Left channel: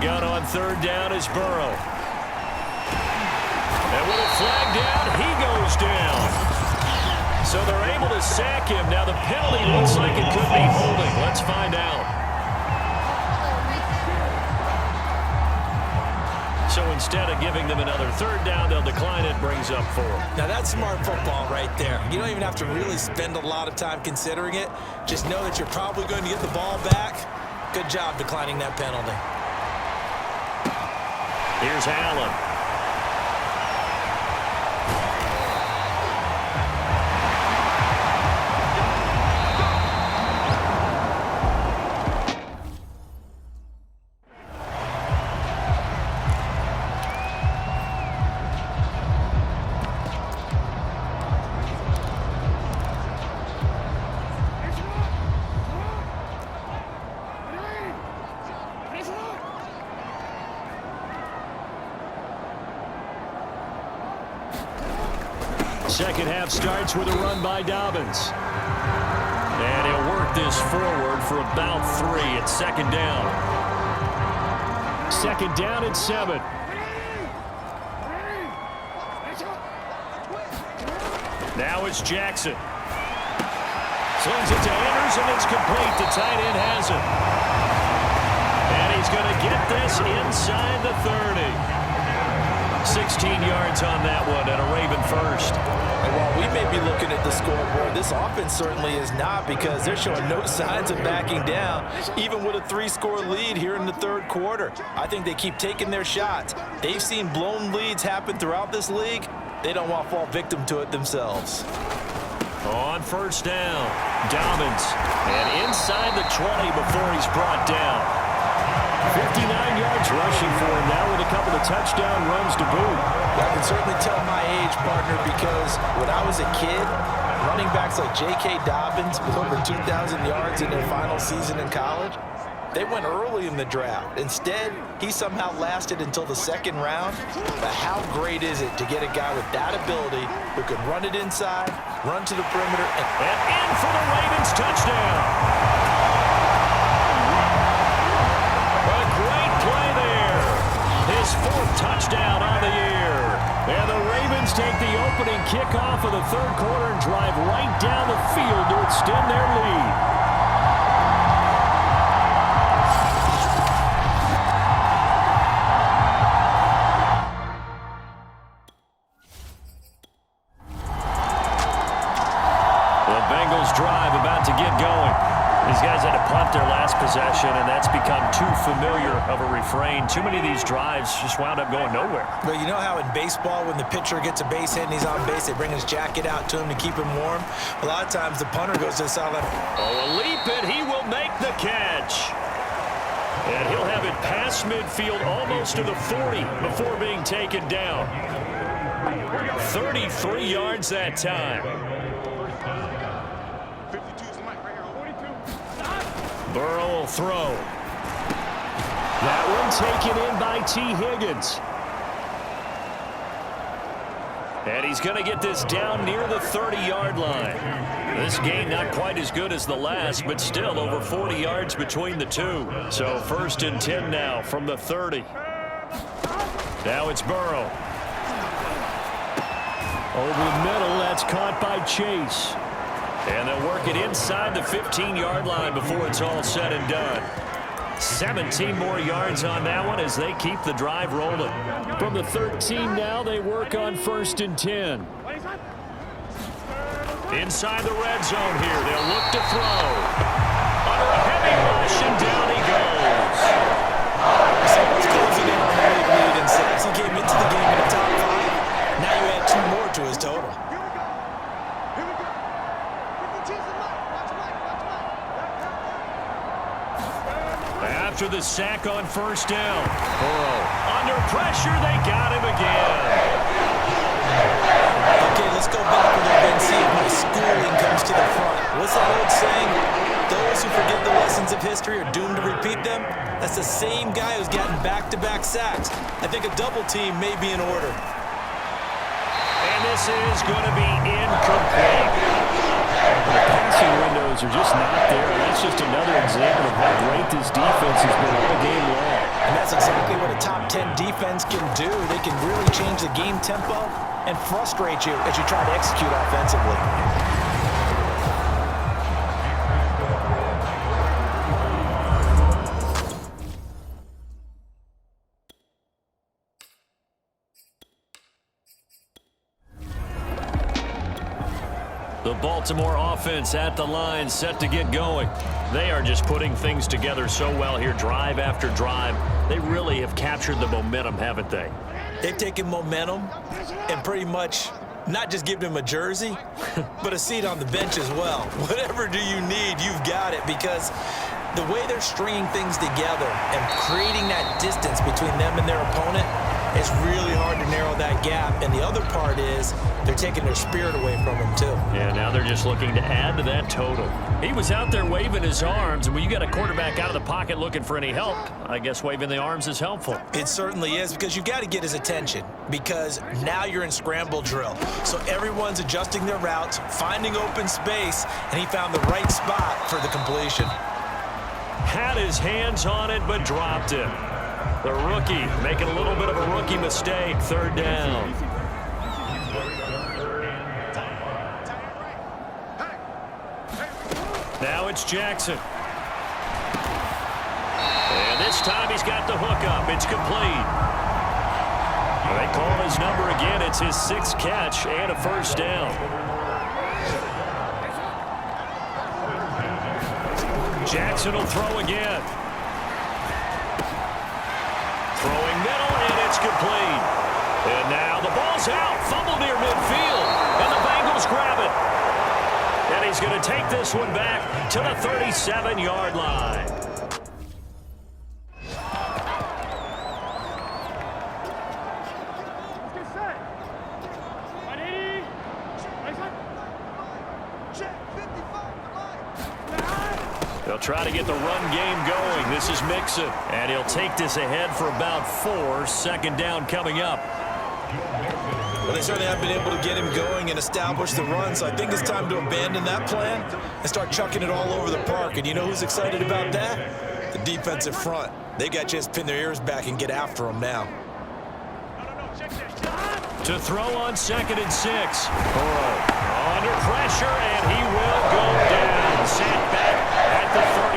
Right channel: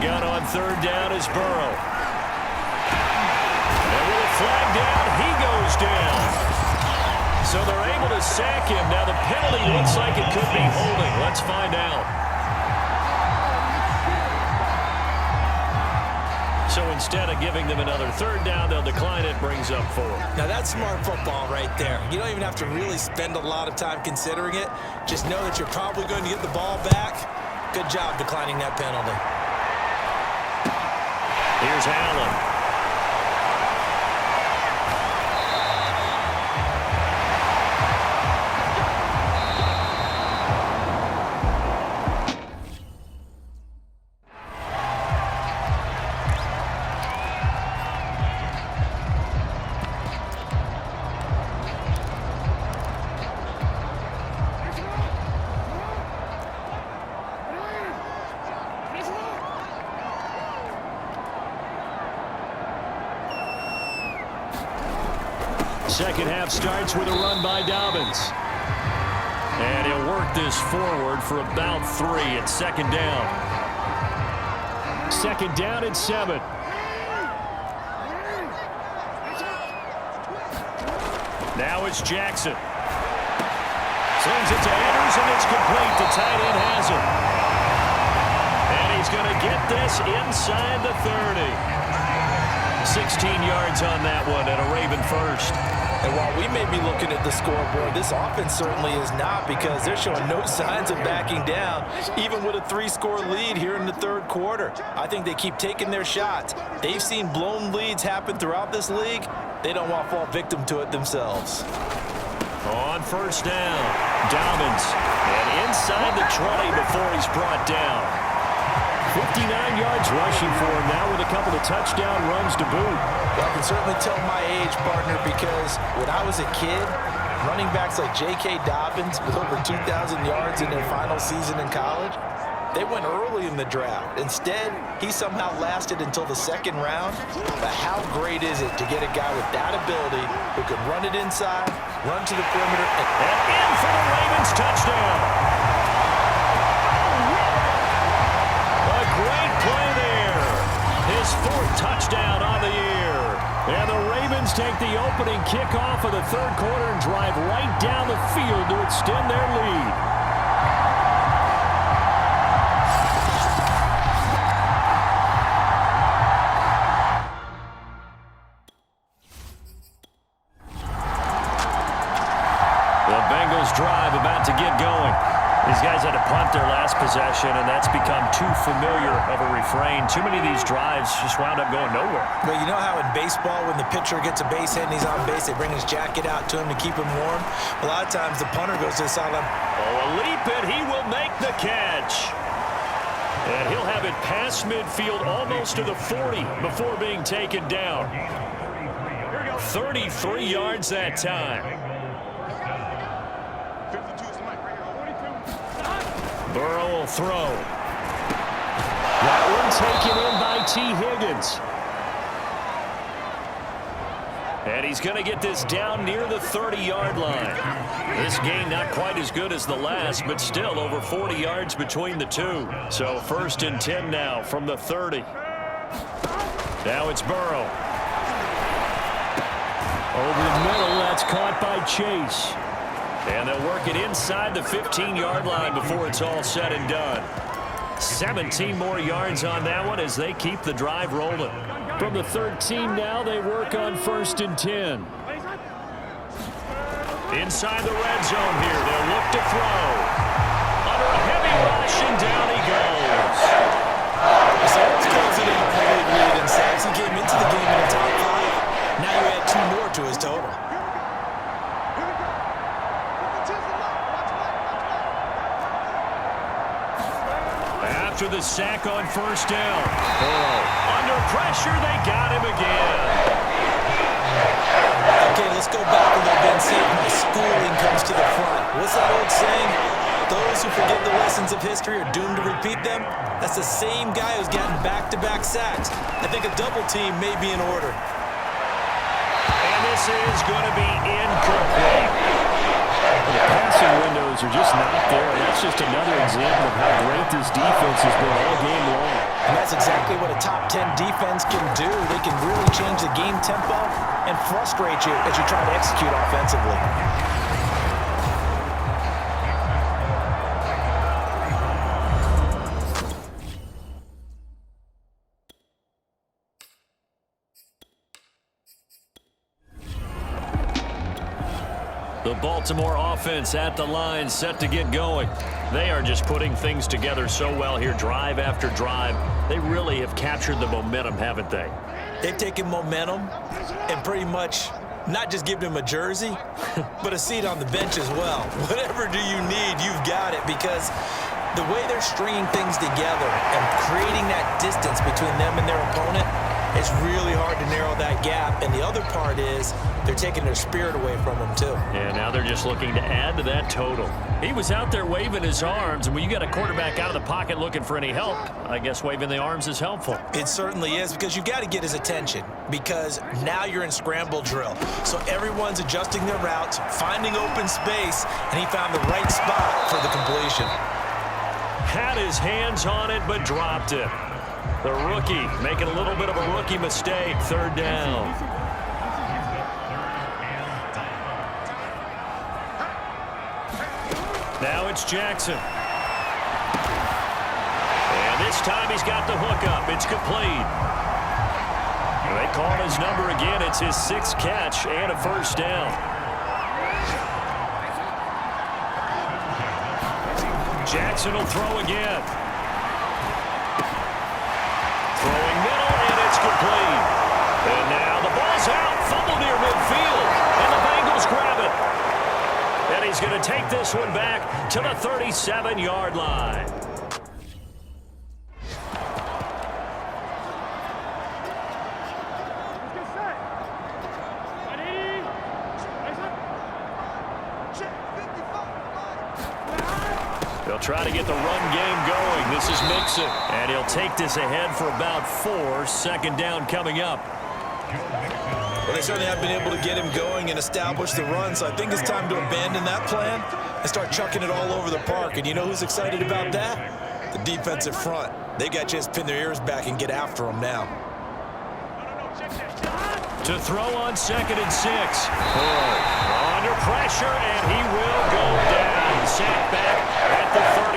gun on third down is Burrow. And with a flag down, he goes down. So they're able to sack him. Now the penalty looks like it could be holding. Let's find out. So instead of giving them another third down, they'll decline it, brings up 4. Now that's smart football right there. You don't even have to really spend a lot of time considering it. Just know that you're probably going to get the ball back. Good job declining that penalty. Here's Allen. Second half starts with a run by Dobbins. And he'll work this forward for about 3 at second down. Second down at 7. Now it's Jackson. Slings it to Andrews, and it's complete. The tight end has it. And he's going to get this inside the 30. 16 yards on that one, and a Raven first. And while we may be looking at the scoreboard, this offense certainly is not, because they're showing no signs of backing down, even with a 3-score lead here in the third quarter. I think they keep taking their shots. They've seen blown leads happen throughout this league. They don't want to fall victim to it themselves. On first down, Dobbins. And inside the 20 before he's brought down. 59 yards rushing for him now with a couple of touchdown runs to boot. Well, I can certainly tell my age, partner, because when I was a kid, running backs like J.K. Dobbins with over 2,000 yards in their final season in college, they went early in the draft. Instead, he somehow lasted until the second round. But how great is it to get a guy with that ability who can run it inside, run to the perimeter, and in for the Ravens touchdown. A great play there. His 4th touchdown on the year. And the Ravens take the opening kickoff of the third quarter and drive right down the field to extend their lead. The Bengals drive about to get going. These guys had to punt their last possession, and that's become too familiar of a refrain. Too many of these drives just wound up going nowhere. But you know how in baseball, when the pitcher gets a base hit and he's on base, they bring his jacket out to him to keep him warm? A lot of times the punter goes to the sideline. Oh, a leap, and he will make the catch. And he'll have it past midfield almost to the 40 before being taken down. 33 yards that time. Burrow will throw. That one taken in by T. Higgins. And he's going to get this down near the 30-yard line. This game not quite as good as the last, but still over 40 yards between the two. So 1st and 10 now from the 30. Now it's Burrow. Over the middle, that's caught by Chase. And they'll work it inside the 15-yard line before it's all said and done. 17 more yards on that one as they keep the drive rolling. From the 13 now, they work on 1st and 10. Inside the red zone here, they'll look to throw. Under a heavy rush, and down he goes. Someone's closing in on the league lead in sacks. He came into the game in the top 5. Now you add 2 more to his total. After the sack on 1st down, Burrow under pressure, they got him again. Okay, let's go back a little bit and see if my schooling comes to the front. What's that old saying? Those who forget the lessons of history are doomed to repeat them. That's the same guy who's gotten back-to-back sacks. I think a double team may be in order. And this is going to be incomplete. The passing windows are just not there. That's just another example of how great this defense has been all game long. And that's exactly what a top 10 defense can do. They can really change the game tempo and frustrate you as you try to execute offensively. The Baltimore offense at the line, set to get going. They are just putting things together so well here, drive after drive. They really have captured the momentum, haven't they? They've taken momentum and pretty much not just given him a jersey, but a seat on the bench as well. Whatever do you need, you've got it, because the way they're stringing things together and creating that distance between them and their opponent, it's really hard to narrow that gap. And the other part is they're taking their spirit away from them, too. Yeah, now they're just looking to add to that total. He was out there waving his arms, and when you got a quarterback out of the pocket looking for any help, I guess waving the arms is helpful. It certainly is, because you've got to get his attention, because now you're in scramble drill. So everyone's adjusting their routes, finding open space, and he found the right spot for the completion. Had his hands on it, but dropped it. The rookie making a little bit of a rookie mistake, third down. Now it's Jackson. And this time he's got the hook up. It's complete. They call his number again. It's his 6th catch and a first down. Jackson will throw again. Throwing middle, and it's complete. And now the ball's out. Fumble near midfield. And the Bengals grab it. And he's going to take this one back to the 37-yard line. They'll try to get the run game going. This is Mixon. And he'll take this ahead for about 4. Second down coming up. Well, they certainly have been able to get him going and establish the run, so I think it's time to abandon that plan and start chucking it all over the park. And you know who's excited about that? The defensive front. They got to just pin their ears back and get after him now. To throw on 2nd and 6. Burrow under pressure, and he will go down. Sacked back at the 38.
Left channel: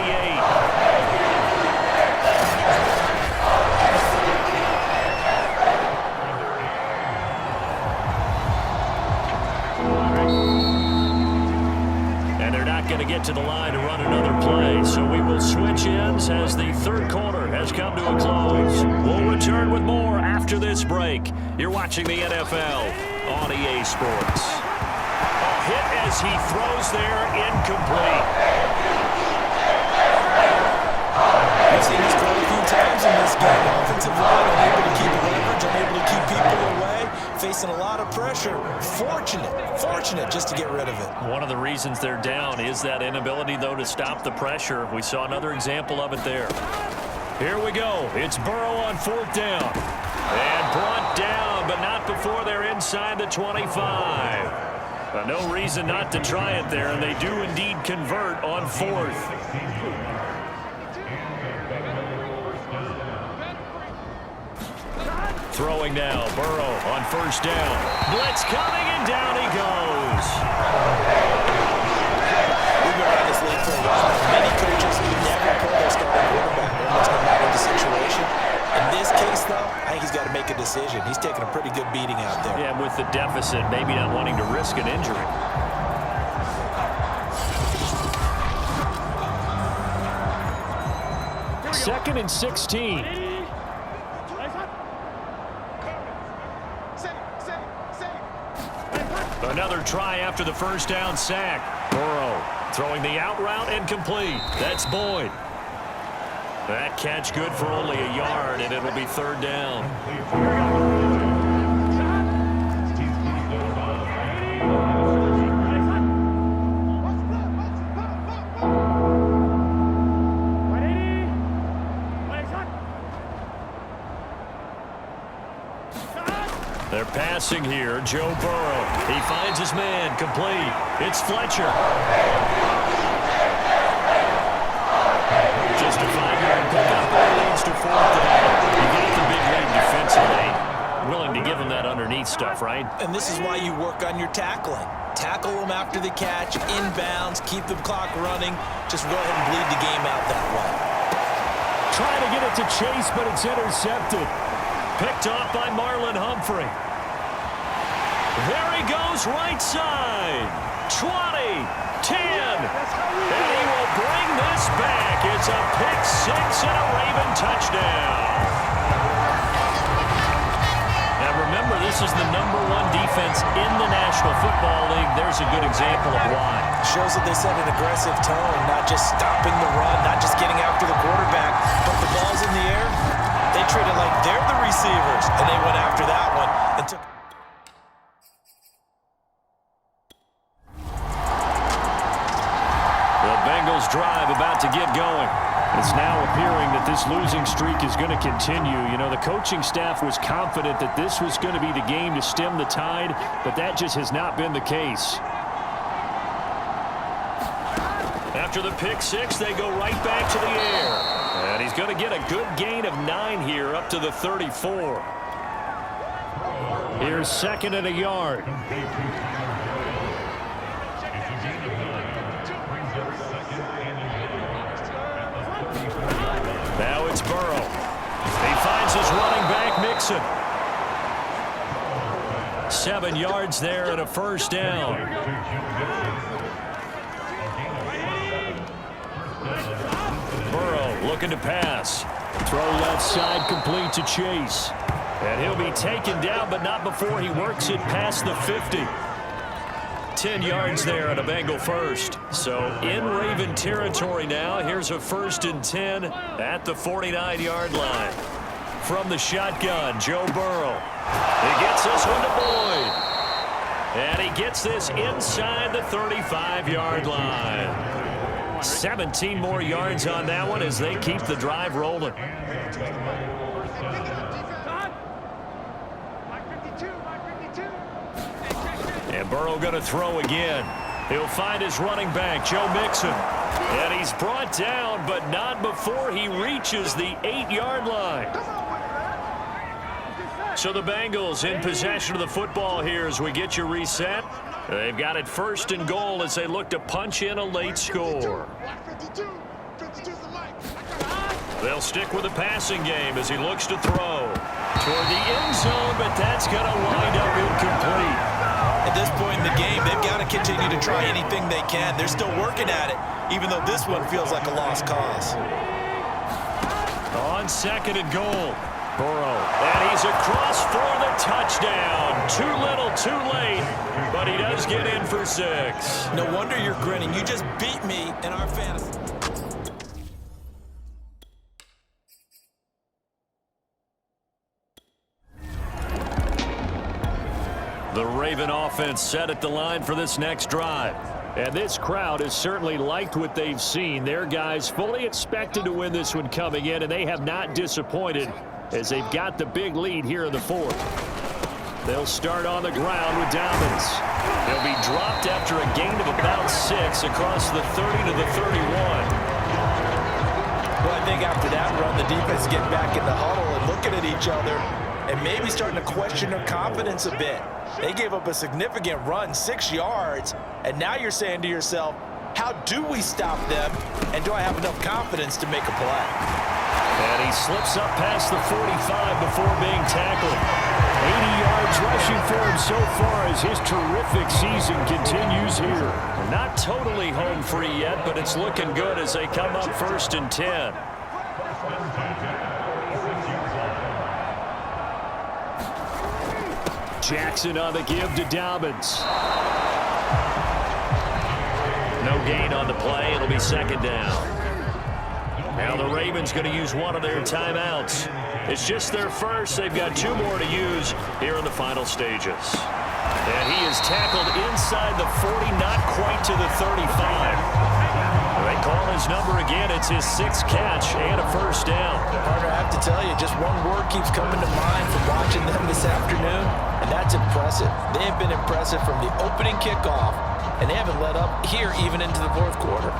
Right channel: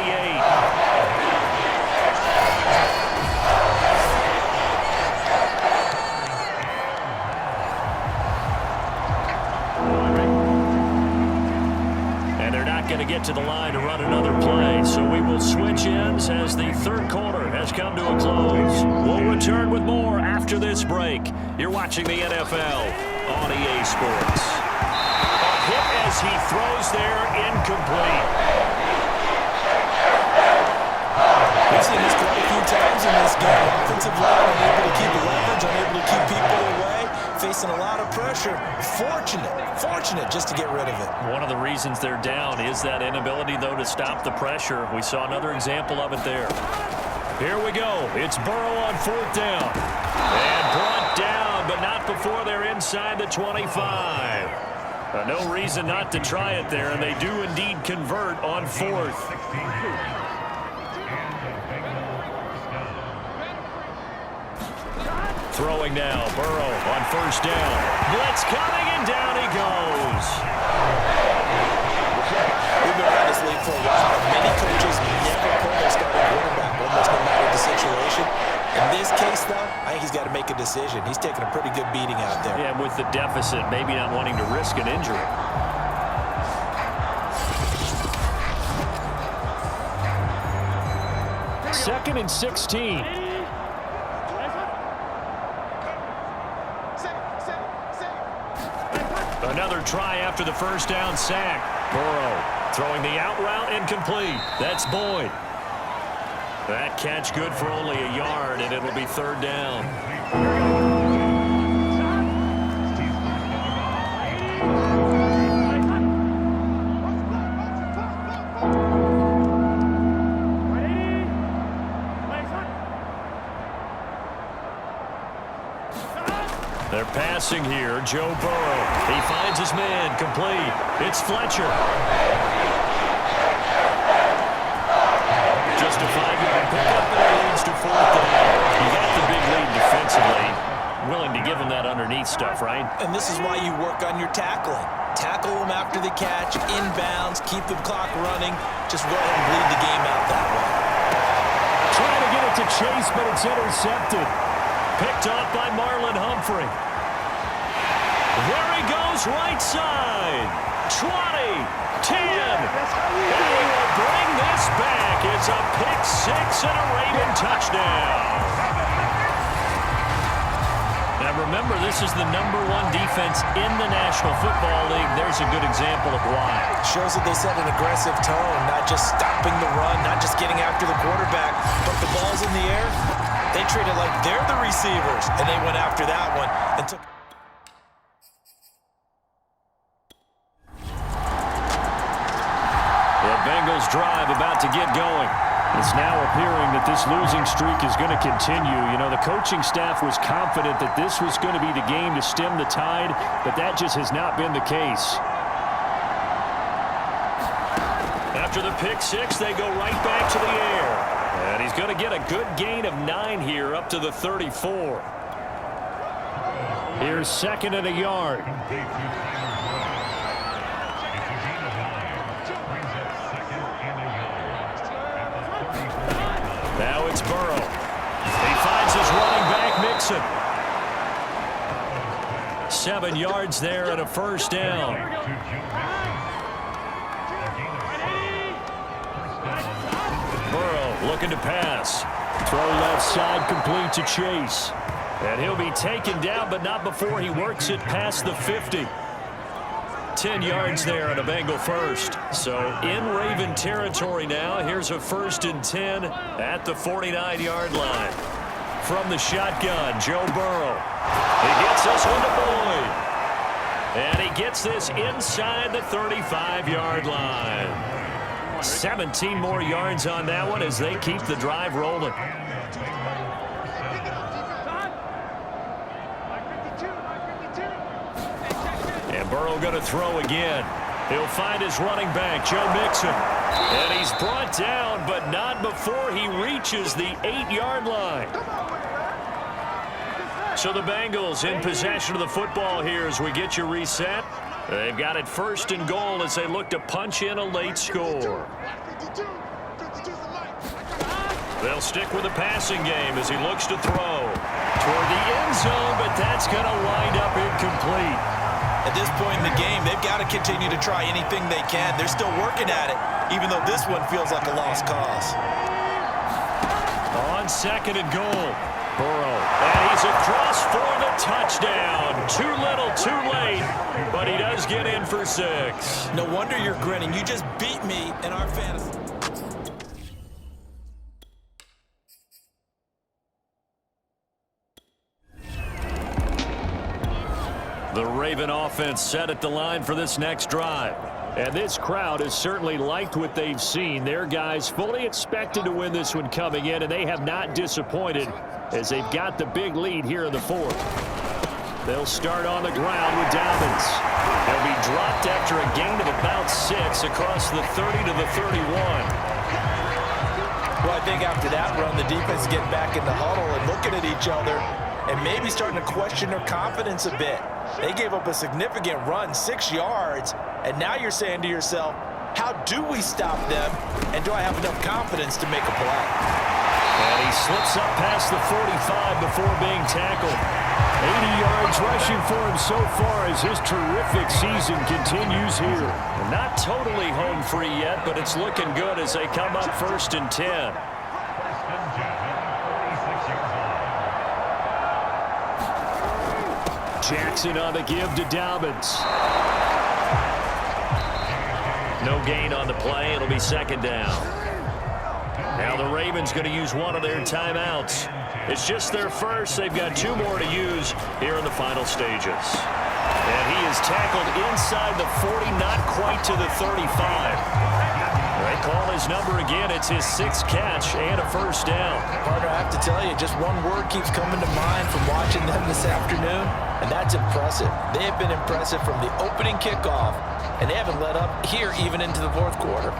And they're not going to get to the line to run another play, so we will switch ends as the third quarter has come to a close. We'll return with more after this break. You're watching the NFL on EA Sports. A hit as he throws there, incomplete. We've seen this quite a few times in this game. Offensive line unable to keep leverage, unable to keep people away, facing a lot of pressure. Fortunate just to get rid of it. One of the reasons they're down is that inability, though, to stop the pressure. We saw another example of it there. Here we go. It's Burrow on 4th down. And brought down, but not before they're inside the 25. No reason not to try it there, and they do indeed convert on 4th. Throwing now, Burrow on 1st down. Blitz coming, and down he goes. We've been around this league for a while. Many coaches never pull their starting quarterback, almost no matter the situation. In this case, though, I think he's got to make a decision. He's taking a pretty good beating out there. Yeah, with the deficit, maybe not wanting to risk an injury. Second and 16. Another try after the 1st down sack. Burrow throwing the out route, incomplete. That's Boyd. That catch good for only a yard, and it'll be 3rd down. They're passing here. Joe Burrow. He finds his man. Complete. It's Fletcher. Just a 5-yard pickup, and it leads to 4th down. You got the big lead defensively. Willing to give them that underneath stuff, right? And this is why you work on your tackling. Tackle them after the catch, inbounds, keep the clock running. Just go ahead and bleed the game out that way. Trying to get it to Chase, but it's intercepted. Picked off by Marlon Humphrey. There he goes, right side. 20, 10. And he will bring this back. It's a pick-6 and a Raven touchdown. Now remember, this is the #1 defense in the National Football League. There's a good example of why. Shows that they set an aggressive tone, not just stopping the run, not just getting after the quarterback, but the ball's in the air. They treat it like they're the receivers, and they went after that one and took. The Bengals drive about to get going. It's now appearing that this losing streak is going to continue. You know, the coaching staff was confident that this was going to be the game to stem the tide, but that just has not been the case. After the pick-6, they go right back to the air. And he's going to get a good gain of 9 here up to the 34. Here's 2nd and a yard. Now it's Burrow. He finds his running back, Mixon. 7 yards there and a 1st down. Burrow looking to pass. Throw left side, complete to Chase. And he'll be taken down, but not before he works it past the 50. 10 yards there and a Bengal 1st. So in Raven territory now. Here's a 1st and 10 at the 49-yard line. From the shotgun, Joe Burrow. He gets this one to Boyd. And he gets this inside the 35-yard line. 17 more yards on that one as they keep the drive rolling. And Burrow going to throw again. He'll find his running back, Joe Mixon. And he's brought down, but not before he reaches the 8-yard line. So the Bengals in possession of the football here as we get you reset. They've got it 1st and goal as they look to punch in a late score. They'll stick with the passing game as he looks to throw toward the end zone, but that's going to wind up incomplete. At this point in the game, they've got to continue to try anything they can. They're still working at it, even though this one feels like a lost cause. On 2nd and goal, Burrow. And he's across for the touchdown. Too little, too late, but he does get in for 6. No wonder you're grinning. You just beat me in our fantasy. The Raven offense set at the line for this next drive. And this crowd has certainly liked what they've seen. Their guys fully expected to win this one coming in, and they have not disappointed as they've got the big lead here in the 4th. They'll start on the ground with Dobbins. He'll be dropped after a gain of about 6 across the 30 to the 31. Well, I think after that run, the defense is getting back in the huddle and looking at each other and maybe starting to question their confidence a bit. They gave up a significant run, 6 yards, and now you're saying to yourself, how do we stop them, and do I have enough confidence to make a play? And he slips up past the 45 before being tackled. 80 yards rushing for him so far as his terrific season continues here. Not totally home free yet, but it's looking good as they come up 1st and 10. Jackson on the give to Dobbins. No gain on the play. It'll be 2nd down. Now the Ravens going to use one of their timeouts. It's just their first. They've got 2 more to use here in the final stages. And he is tackled inside the 40, not quite to the 35. They call his number again. It's his 6th catch and a first down. Partner, I have to tell you, just one word keeps coming to mind from watching them this afternoon, and that's impressive. They have been impressive from the opening kickoff, and they haven't let up here even into the fourth quarter.